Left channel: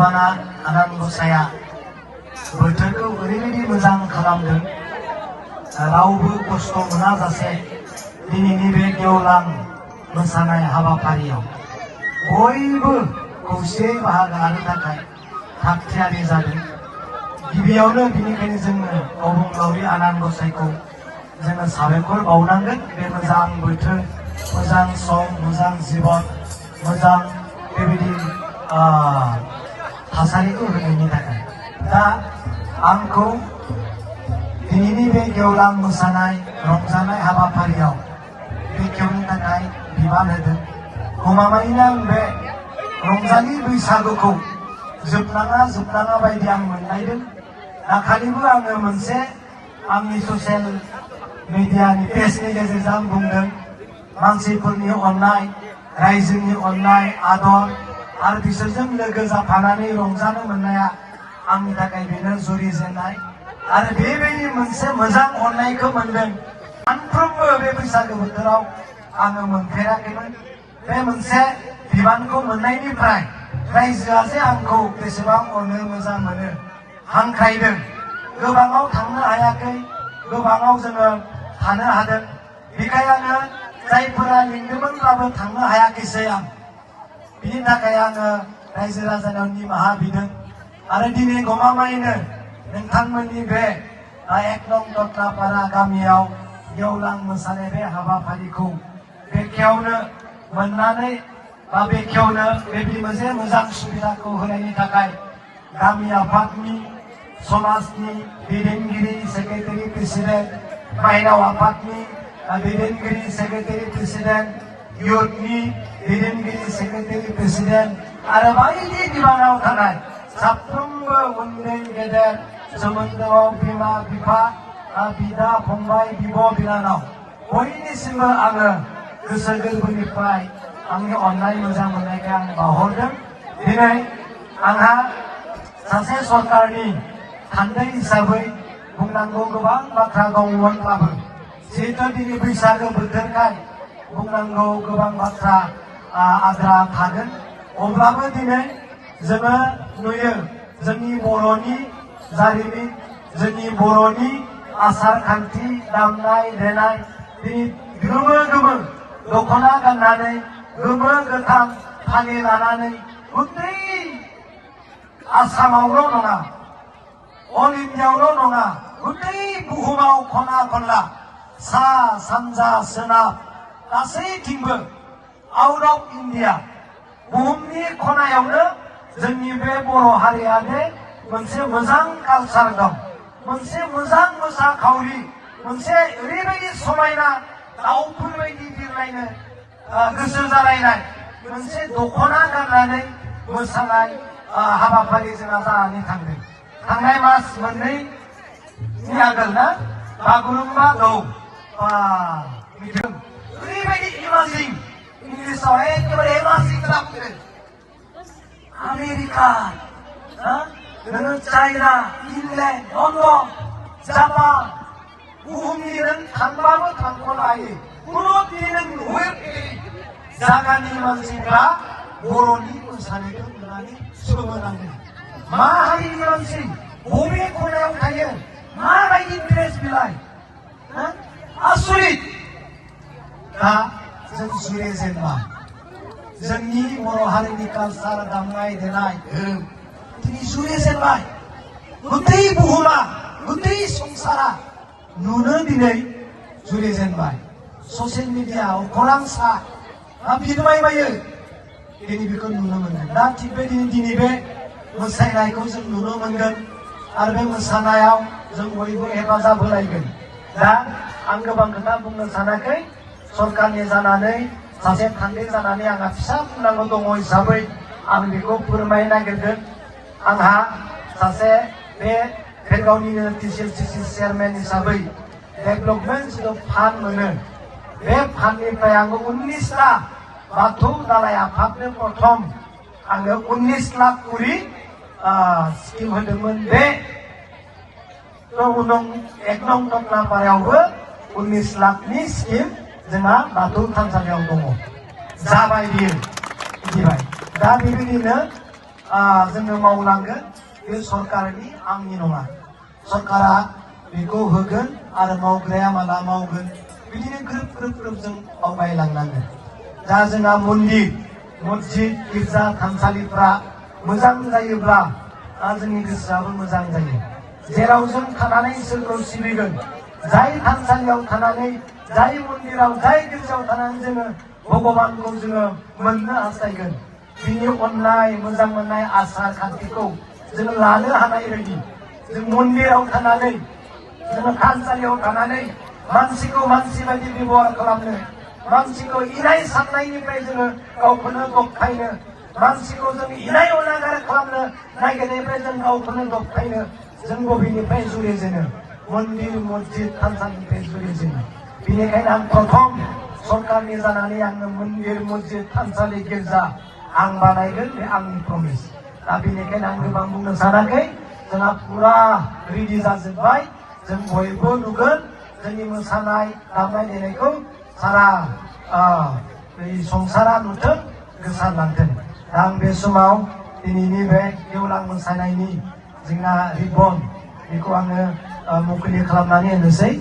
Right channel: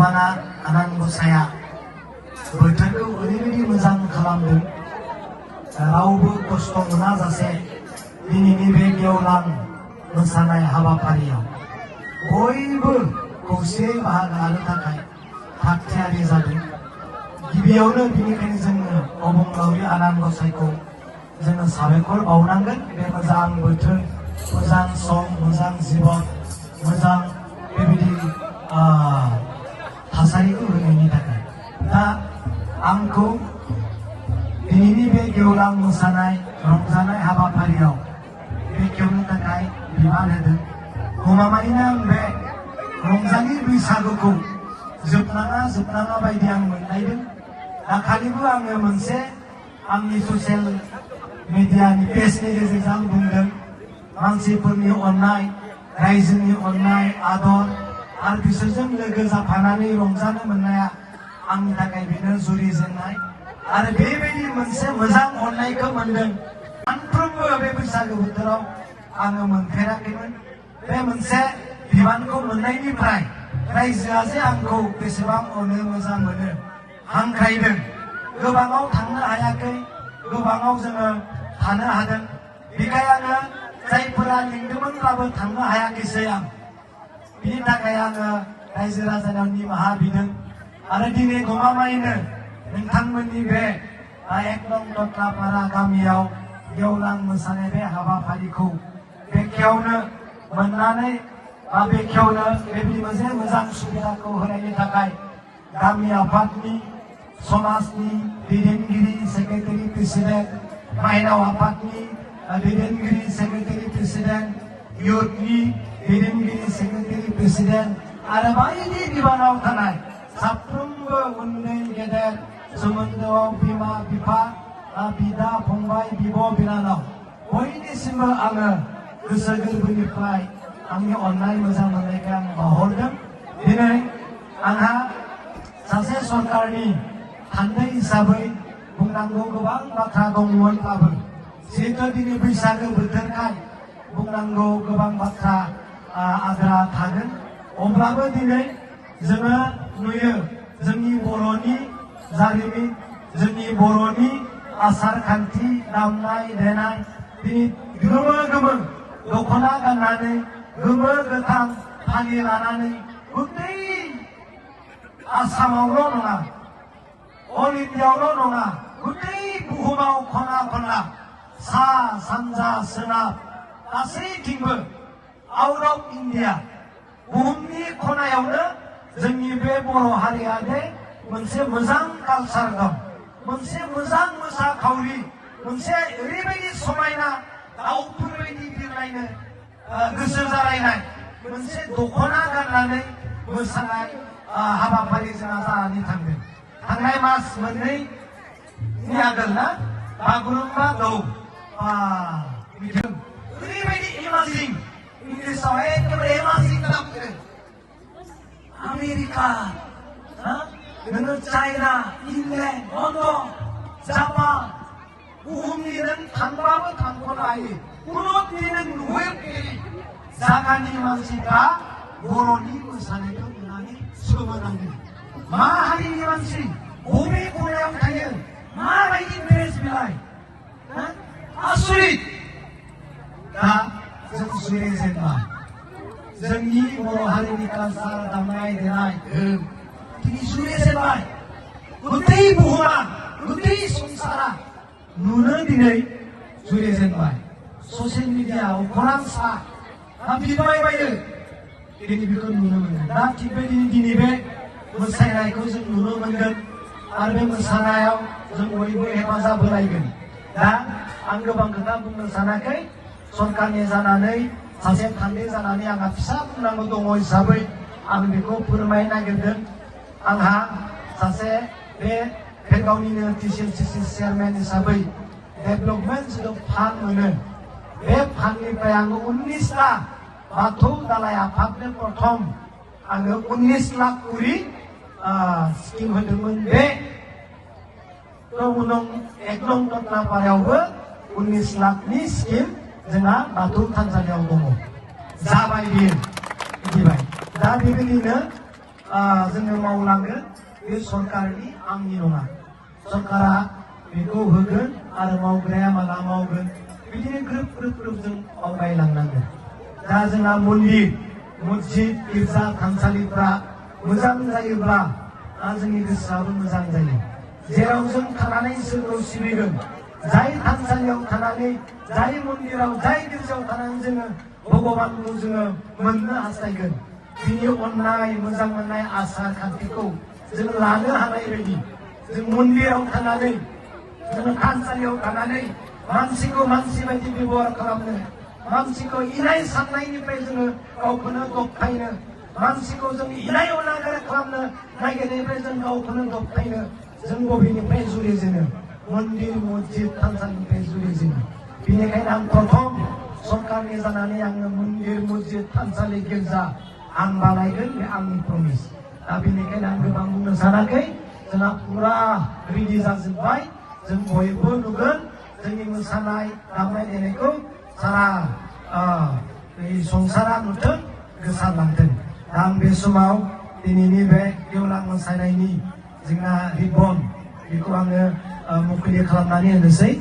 गोबाङा आनान गसाया बोथोरखौ ओरैबायदि मोजां खालामदों रावबो खस्थ' मोनाजासे दिनैनि बे गेवलां मोसानाय हाबाफारियाव बयबो खौसेयै बाहागो लानो थाखाय थागथियारि जादों। गिबियावनो बेनिखायनो जोङो अबंलावरि आनान गसाइखौ जोङो साबायखर बावनांगोन बे मोजां बोथोर मोजां सम मोजां जिबन मोजां बेबायदि थासारिखौ होनायनि थाखाय। दा आंखौ दिनैनि बे गेवलां मोसानाय रंजानाय हाबाफारियाव बेखेवनो थाखाय बिबान होदों। गमामायैनो आं बे रंजालि बैसागुखौ जोबनाङा बायदि आं मोनलायदों। दाखालिबो आङो मोनसे आंनि ससियेल मिडियानि पेजनि गेजेरजों बुंदों मानसिफोरनि अननाय रायजोनि अननाय आदर आरो बिसोरजों लोगो जाफानानै रंजानो मोननाया आंनि थाखाय बेनो जुरिजेननाय आरो बेबायदि मोनसे मोजां अननायखौ मोनदों। सानफ्रोमबो बे बैसागु बोथोराव आङो मोनफेराखैमोन। बे मोनसे बिबानखौ मोननायनिफ्राय रायजोआ जे आंखौ बेसेबां अनो मोजां मोनो हांख्रायदों। गोबाङाव थांनो हायाखै गोबाङाव जोङो थानो हादों। बेखायनो जायफोरा लिंदोंमोनब्लाबो थांनो हायाखैसै आं। बिनि थाखाय आङो रायजो राजानाव निमाहा बिदों आरो दिनै गमामायैनो नोंथांमोननि बे 1 नं दत्लापारा गामियाव गेवलां मोसानाय बे हाबाफारिखौ बेखेवनो मोननानै बेखेवनो बेबायदि मोनसे मोजां सुबिदाखौ होनायनि थाखाय गामि आफादनि समाजनि दैदेनगिरि सेक्रेटारि प्रेसिडेन्ट माइनाव आफादनि दैदेनगिरि सेक्रेटारि प्रेसिडेन्ट इउथनि दैदेनगिरि सेक्रेटारि प्रेसिडेन्ट आरो बायदि बिबानाव थानाय साफ्रोमबो उन्दै गेदेर सोमोन्दोआव बिमा बिफा बिदा फंबाय बिब' बिनानाव बयनिसिमबो आङो गोसो गोरबोनिफ्राय आंनि अननाय मोजां मोननायखौ आं बावहरदों। दिनै आंहा सासे सरकारनि थान्दै हिसाबै बुंनांगौ गोबां बाथ्रा दंमोनब्लाबो जिहेतु दिनै बैसागो बोथोरखाय बुंनांगौ गोबां बाथ्रा आद्रा थागोन। अब्लाबो दिनै जोङो नुयो जोंनि बर'नि जारिमिन जोंनि बर'नि आसार खान्थि दामनाय देनाय दिनै गोमो दख'ना गाननानै गोमो गोथां फालि लानानै गुबै आसामावल' नङा अल इन्डियायावल' नङा गुबै बुहुमाव खना खनला सा सानजा सोनाब गासैथिंबो आउट अफ इन्डिया बुहुमनि खनायावनो जोंनि बे बर' हारिया दे मोनसे मोजां कालचार दं मोनसे मोजां मोसाखावरि मोनसे ओरैबायदि समायना दाउफोर बायदि बिरलायनो गोसो जालायनाय मोनसे दख'ना गाननानै मोसानाय हाबाफारि जोंहा जानानै थांदों। थांनाय मास मोननैनि आगोल ना बागुरुम्बा दौ ओरैबायदि इमाजिन इंलिसाव एखेबारे इमाजिन खालामदों। आमेरिका नोङो चाइना इंलेण्ड लण्डन जापान बुहुमनि नों थांबाबो थांख'नो हायो खुनु दिनै नों नुहैफेरै जायगानि मानसिफ्रा बर'नि मोसानायखौ नुनानै सोमोनांदों। मा हारिनि मानसि बबे खनायाव थायो माबायदि ड्रेस बिलाय आसरित। दा जों जुरिजेनबाय जोंनि बर' हारिनि कालचार दामनाय देनाय दिनै जुरिजेनबाय गुबै बुहुमा गुबै संसारा नुनो दिनै जुरिजेनबाय। ससियेल मिडियायाव खौरां सा बिरबायबायो दिनै बेखौ नुनो मोनो। दा थिग बेबायदिनो दिनै बे मोसानायखौ जों नुनो मोनगोन आरो बे मोसानायाव जों बयबो हेफाजाब होलायगोन। दा आं गोबां खोथा बुंनो सानाखै सरकारनि जानानै सासे थान्दै जानानै आंहा फिसा बुंनांगौ दङ हिसाबै आं बेखौ फोरमायनो नागिरदों। आंहा सासे बे भेरगावनिनो TCCC चेयारमेन हिसाबै डेभेलपमेन्ट जिथु फान्ड मोनो बे फान्डनिफ्राय आङो 19टा बाथौ दालाय आफादनो प्रथम आङो 19 लाख करि स्किम होदोंमोन। बे 1 नं दत्लापारायावबो 19 लाखनि स्किम जोंहा बाथौ थानसालियाव दङ जाबाय बियो बिदिबाय। दा बेबायदिनो जोङो मावलांगोन बे सरकारनि आंनि नङा सरकारा बेखौ होगोन आरो मावग्राया माला मावगोन बिदिनो ग्रोब ग्रोब ग्रोब जों आवगायलांनांगोन दा जोंहा मन्दिर मस्जिद गिर्जा थानसालिफ्रा मोजां जायोब्ला जोंनि गोसोआबो मोजां जायो जेराव जों थानानै इसोरखौ सिबिगोन जाय थानसालियाव थानानै जाय मन्दिराव जाय गिर्जायाव थानानै जोङो भगबानखौ जोङो मोननो हास्थायगोन बिनि अननाय मोजां मोननाय आसार खान्थिखौ जों लानो हानाय बायदि जों मन्दिराव थानानै जोङो थानसालियाव थानानै मानसिखौ मानसि बायदि बेबहार खालामनो मानसिखौ इनाय साननायनिफ्राय जोङो गावखौनो दबथायनो मानसिखौ जों इनाय अनागार खालामनो नागिरनायनिफ्राय जों गावखौनो दबथायनो जों बबेनिफ्राय जुरिजेनो मन्दिर मस्जिद थानसालिनिफ्राय जुरिजेनो बेनिखायनो आं प्रथम सरकारनि जानानै आंनो मन्दिर मस्जिद थानसालि गिर्जा आं बानायगोन बे आंनि प्रमिस दा बेनिखायनो आं गोबां बुंनो सानाखै जोंहा फुरा रेडि जाजोब्बाय जों बयबो नुगोन जोंनि मोसानाय दामनाय देनायखौ सारा संसारा नुथों गोसारलांथों दा आं बे समाव दिनैनि बे गेवलां मोसानायनि जोंहा रिबन बेखौ आङो मुखुलि खालामनानै होनोसै